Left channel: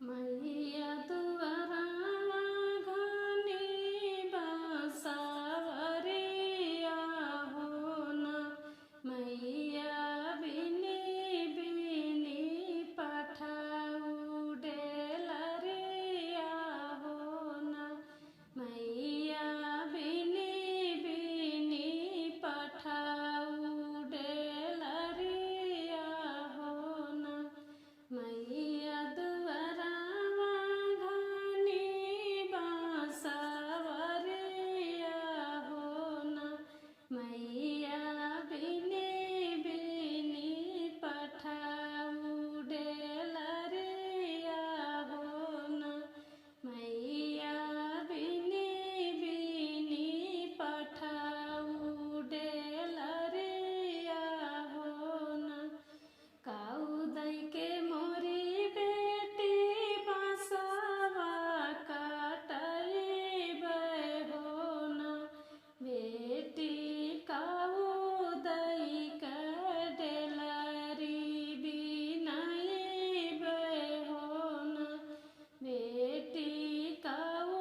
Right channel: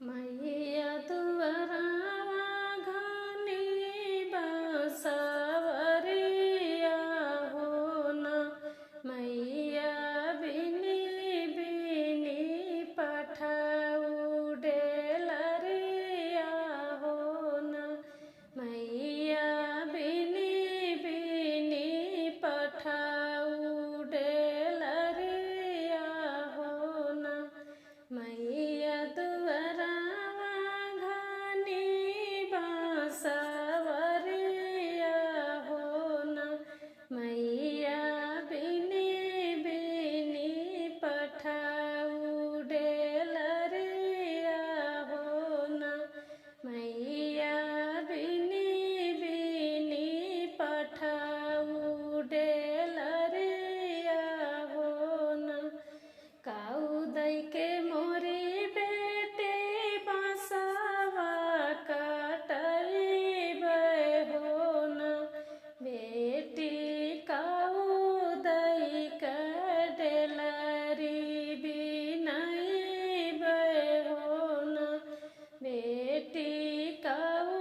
मैया दुआरावा घनी बसवरिया हो न। मैया बिनी बिनी पठाऊ डेलरिया हो न। मैया बिनी बिनी पठाऊ डेलरिया हो न। मैया दुआरावा घनी बसवरिया हो न। मैया बिनी बिनी पठाऊ डेलरिया हो न। मैया बिनी बिनी पठाऊ डेलरिया हो न। काऊ दई के मोरी बेटी बांसवा काटइबे हो न। बेटी काऊ दई के डेलरी बिनइबे हो न। बेटी काऊ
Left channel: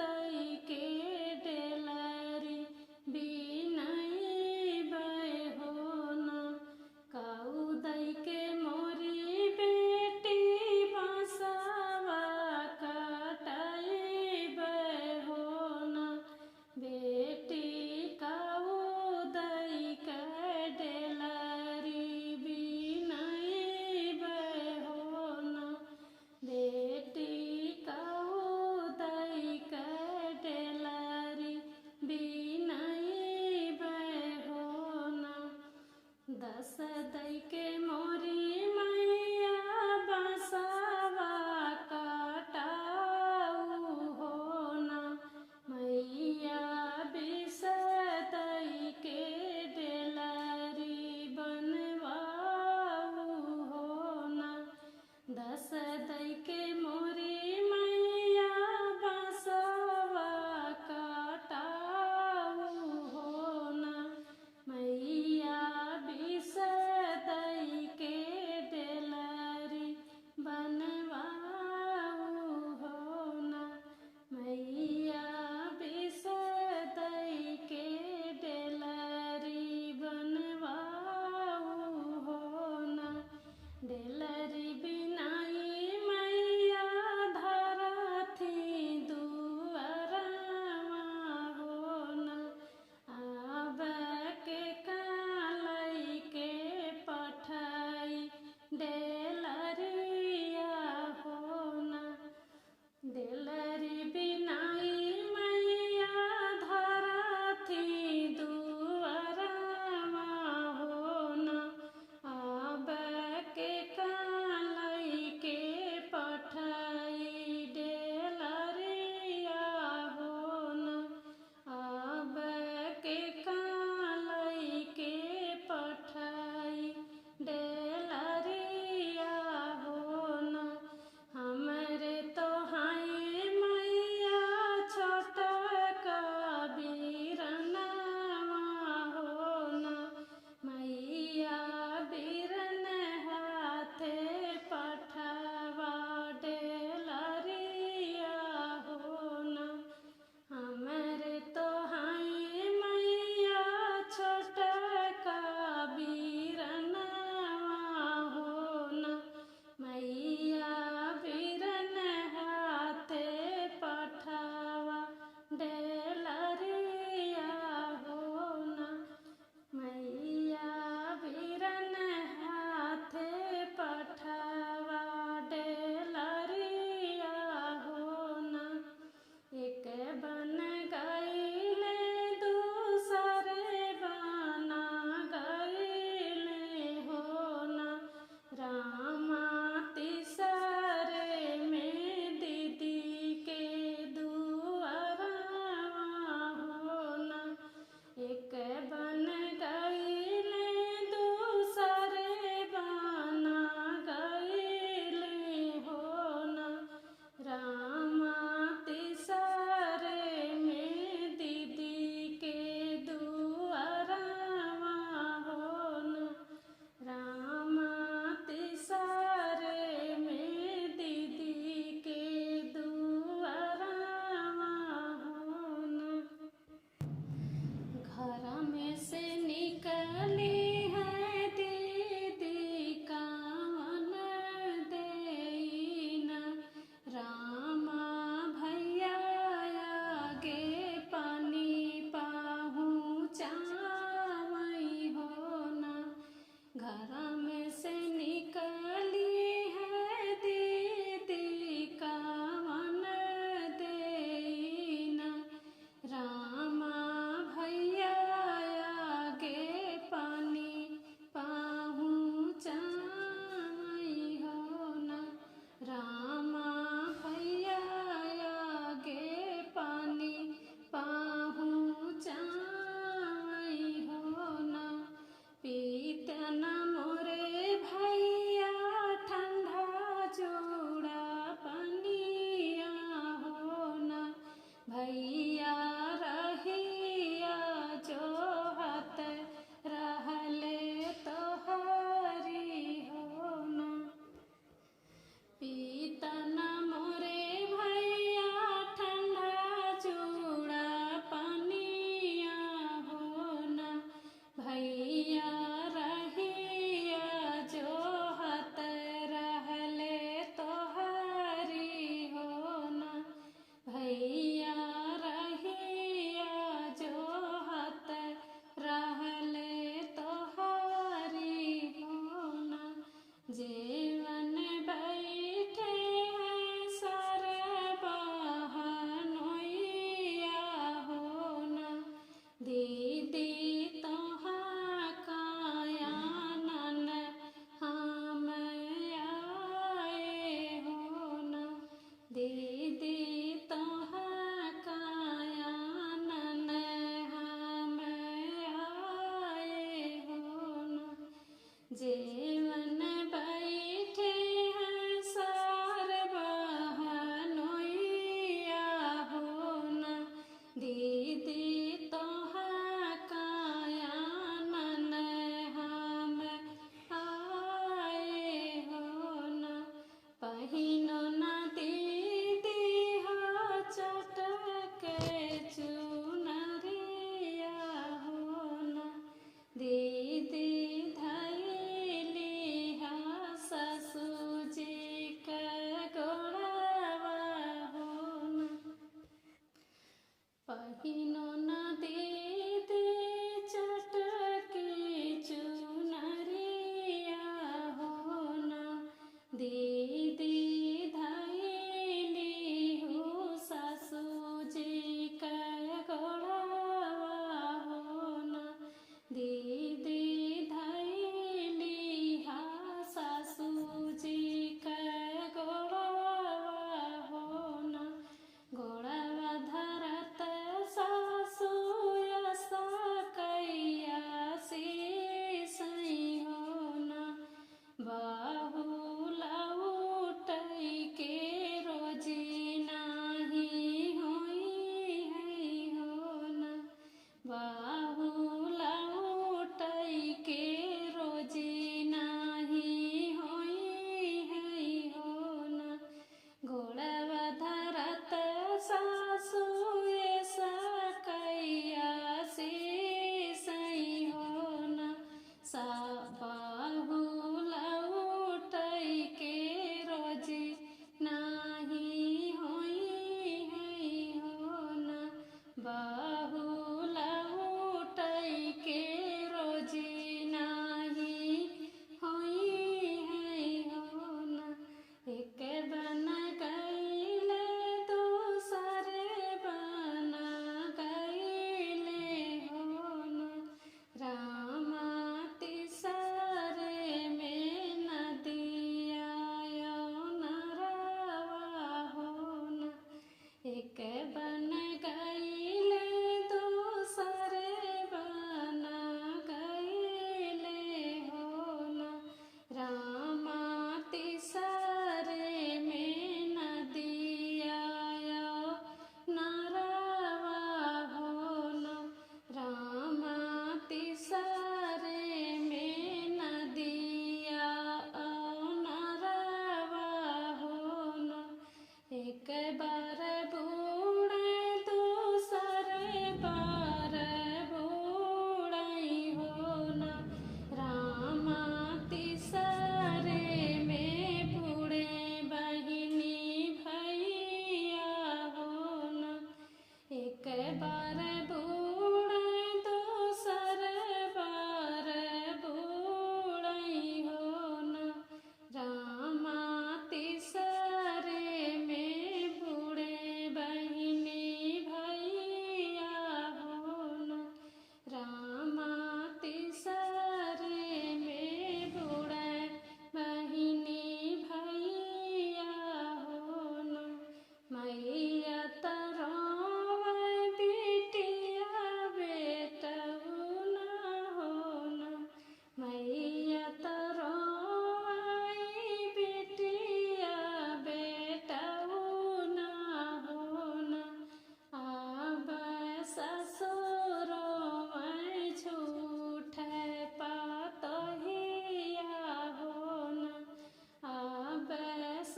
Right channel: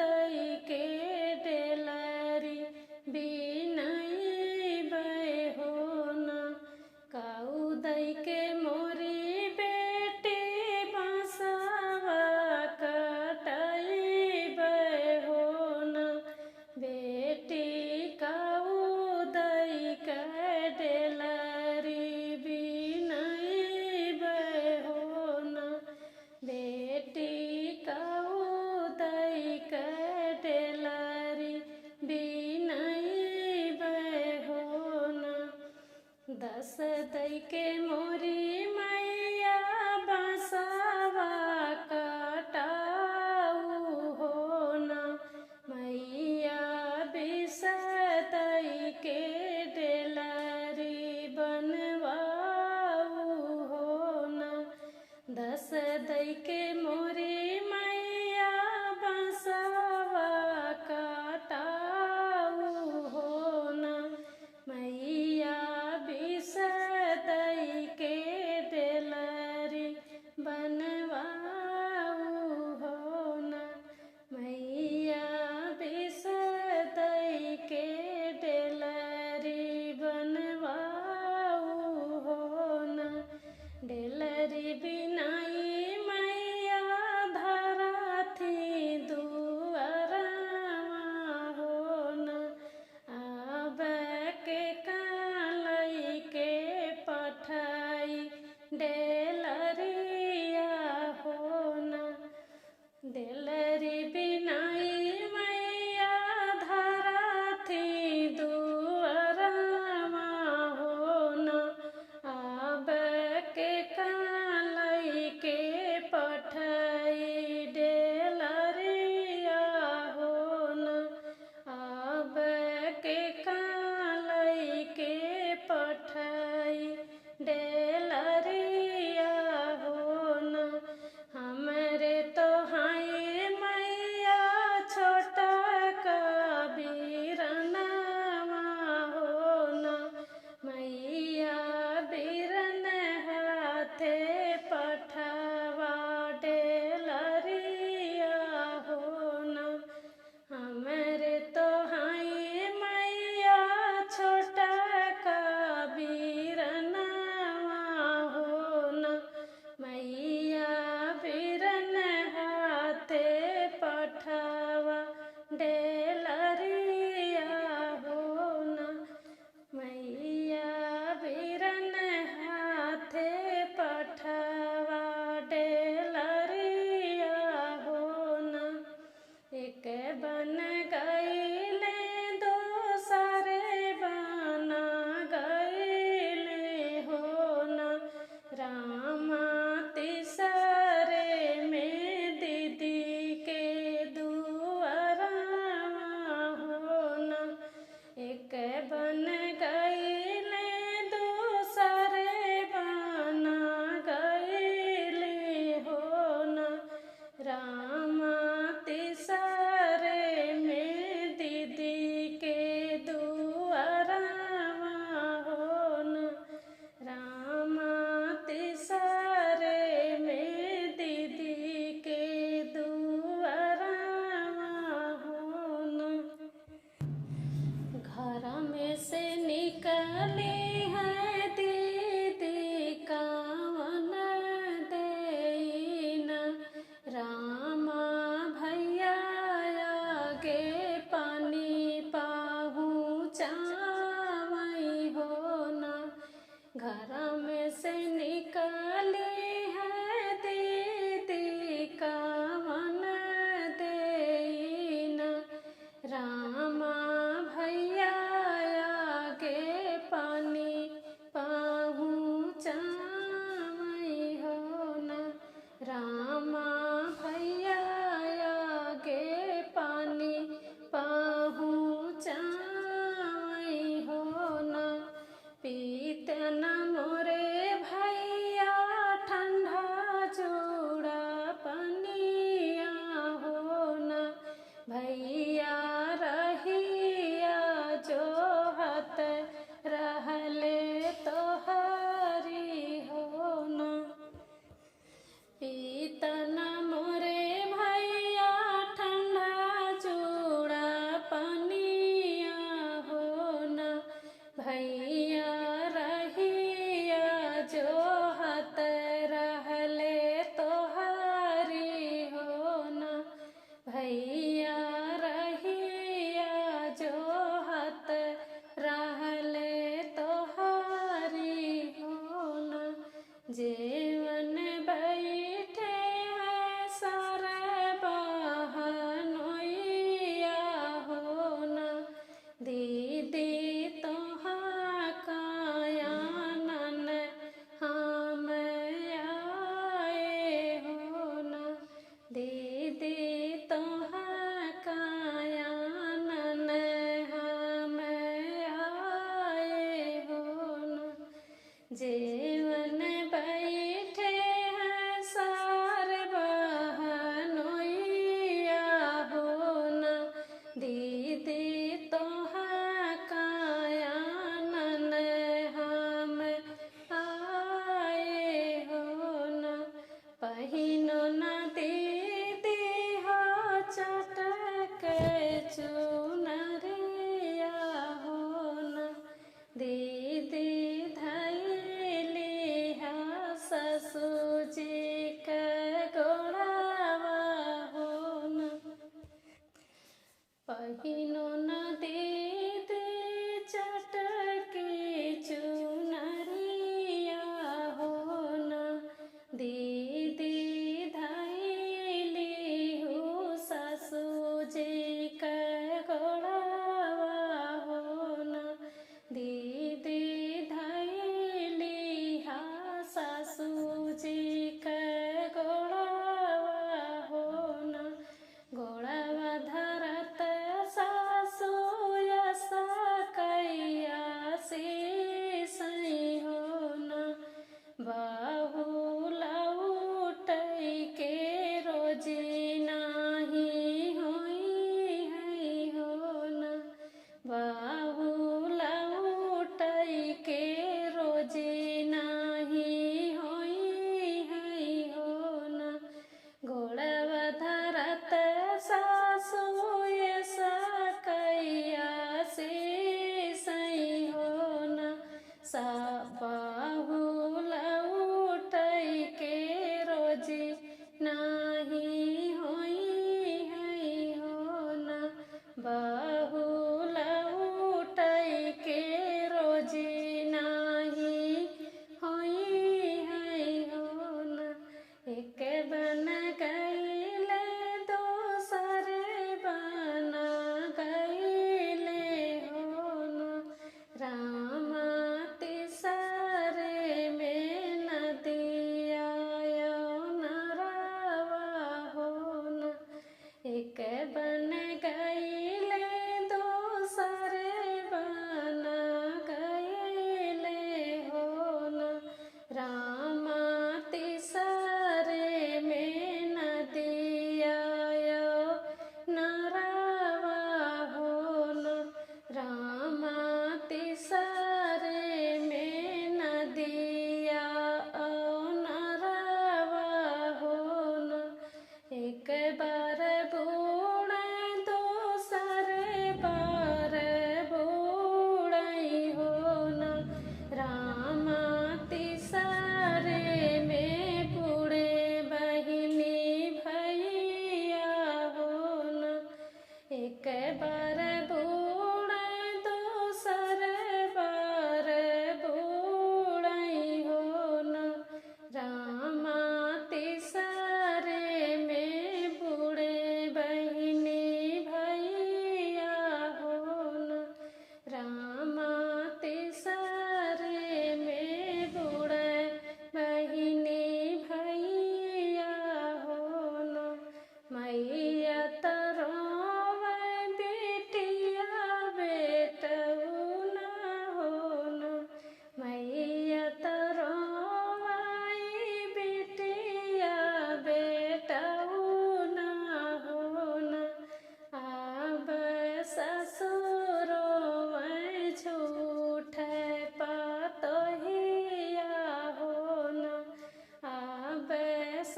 दई के डेलरी बिनइबे हो न। काऊ दई के मोरी बेटी बांसवा काटइबे हो न। बेटी काऊ दई के डेलरी बिनइबे हो न। बेटी काऊ दई के डेलरी बिनइबे हो न। दस दई के मोरी मैया बांसवा काटाऊ हो न। मैया बीस दई के डेलरी बनवाऊ हो न। दस दई के मोरी मैया बांसवा काटाऊ हो न। मैया बीस दई के डेलरी बनवाऊ हो न। मैया बीस दई के डेलरी बनवाऊ हो न। डेलरी बिनाई मैया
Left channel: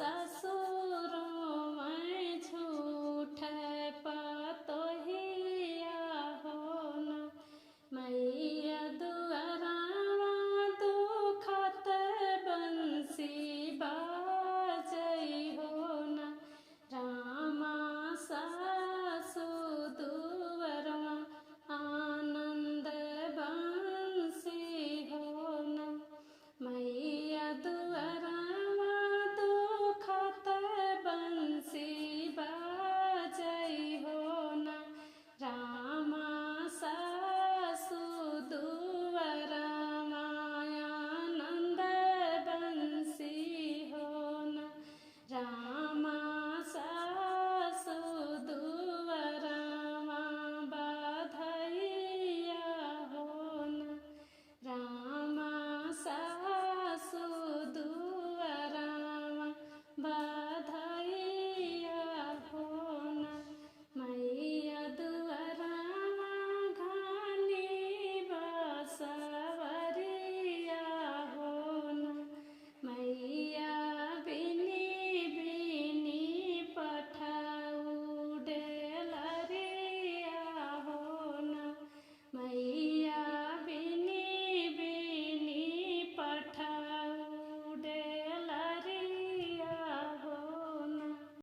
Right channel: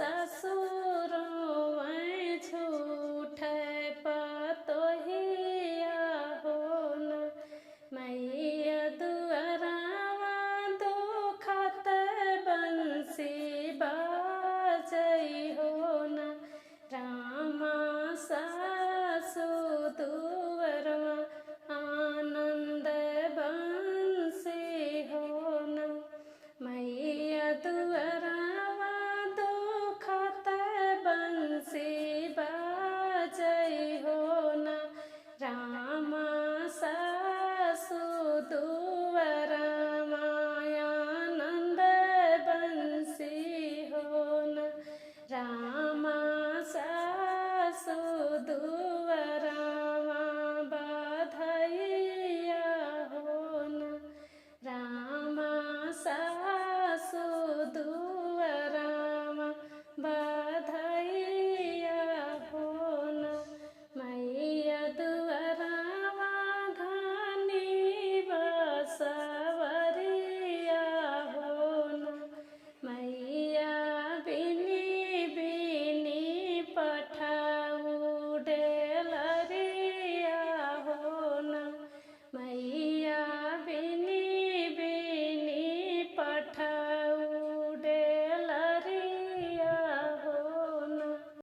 ससुर